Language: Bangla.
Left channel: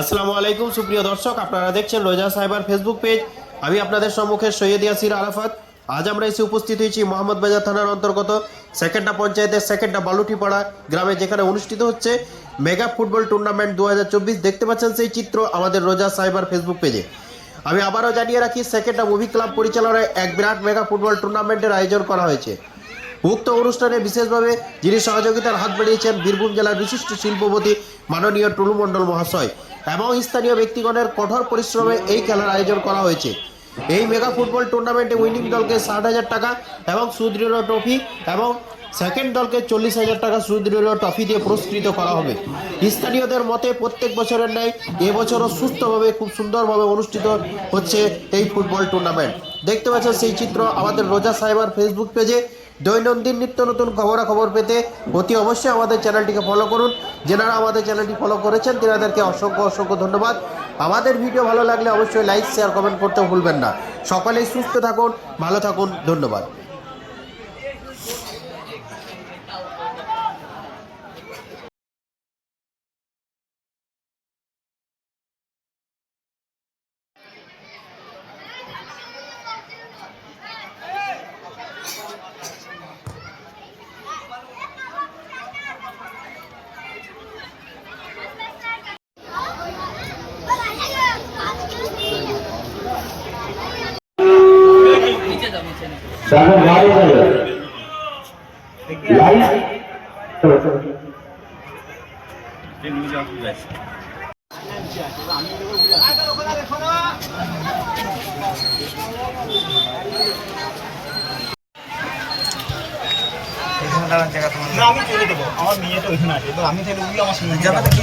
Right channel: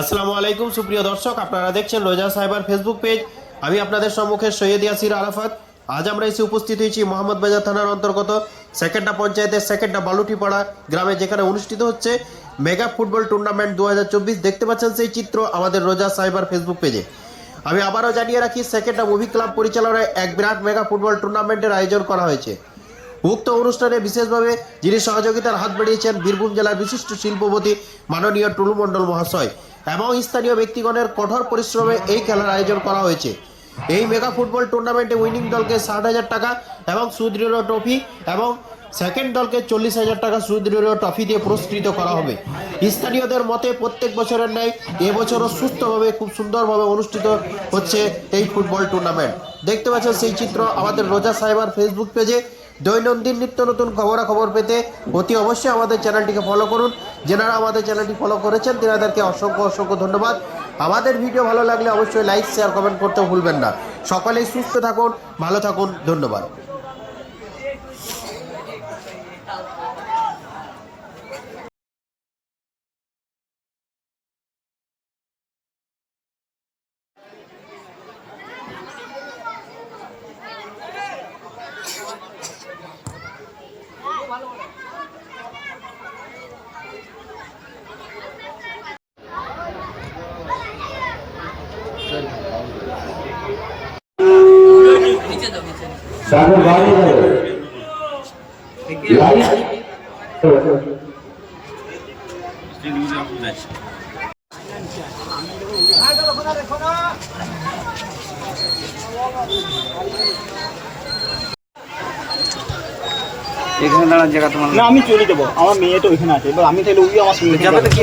আসসালামু আলাইকুম, সুপ্রিয় দর্শক। আপনারা দেখছেন রোজা সাইবার ফেসবুক পেজ আমি আপনাদের সম্মুখে সৈয়দ ইয়াসির আরাফাত। আজ আমরা এসে উপস্থিত হয়েছি মোহাম্মদ বাজার থানার অন্তর্গত সেকেন্ডা পঞ্চায়েতের সেকেন্ডা বালুটিপাড়া গ্রামে, যেখানে অনুষ্ঠিত হচ্ছে মেগা ফুটবল টুর্নামেন্ট দু হাজার চব্বিশ। দেখতে পাচ্ছেন সেই চিত্র আমাদের রোজা সাইবার ফেসবুক পেজে আমি আবারও জানিয়ে রাখি, সেকেন্ডা মুভি ক্লাব পরিচালনায় এক বিরাট মেগা ফুটবল টুর্নামেন্টের আয়োজন করা হয়েছে। উক্ত অনুষ্ঠানে বিশেষভাবে যিনি সহযোগিতার হাত বাড়িয়েছেন, বীরভূম জেলার বিশিষ্ট শিল্পপতি মাননীয় টুলু মণ্ডল মহাশয়। এবং স্থানীয় ব্যক্তিগণের কঠোর পরিশ্রমে এই খেলার আয়োজন করা হয়েছে। এই মেগা ফুটবল টুর্নামেন্টে উইনিং দলকে ষাট হাজার টাকা এবং সুদৃঢ় ট্রফি এবং সেকেন্ড দলকে চল্লিশ হাজার টাকা সুদৃঢ় ট্রফি দিয়ে পুরস্কৃত করা হবে। স্থানীয়দের মতে প্রত্যেক বছরের ন্যায় এবছরও সুস্থভাবে, খুব সুন্দরভাবে অনুষ্ঠিত হচ্ছে এই ফুটবল টুর্নামেন্ট। দেখতে পাচ্ছেন সেই চিত্র আমাদের রোজা সাহেবার ফেসবুক পেজে দৈনন্দিন নিত্য নতুন খবরাখবর পেতে অতি অবশ্যই আমাদের চ্যানেলটিকে ফলো করুন। যেনারা আমাদের চ্যানেলটি ফলো করেছেন, তেনাদেরকে অসংখ্য অসংখ্য ধন্যবাদ। আমাদের ভিডিও ভালো লাগলে অবশ্যই লাইক শেয়ার কমেন্ট করতে ভুলবেন না। সকলেই সুস্থ থাকুন, ভালো থাকুন, ধন্যবাদ। সামনে বাড়ি যাবে। লাইট? এখানে দাঁড়ার জায়গা তোমার না আমি চলে দেবো আমার মেয়ে তো ওইখানে আছে। এবার আমি তাহলে ওই আমার সঙ্গে তো কি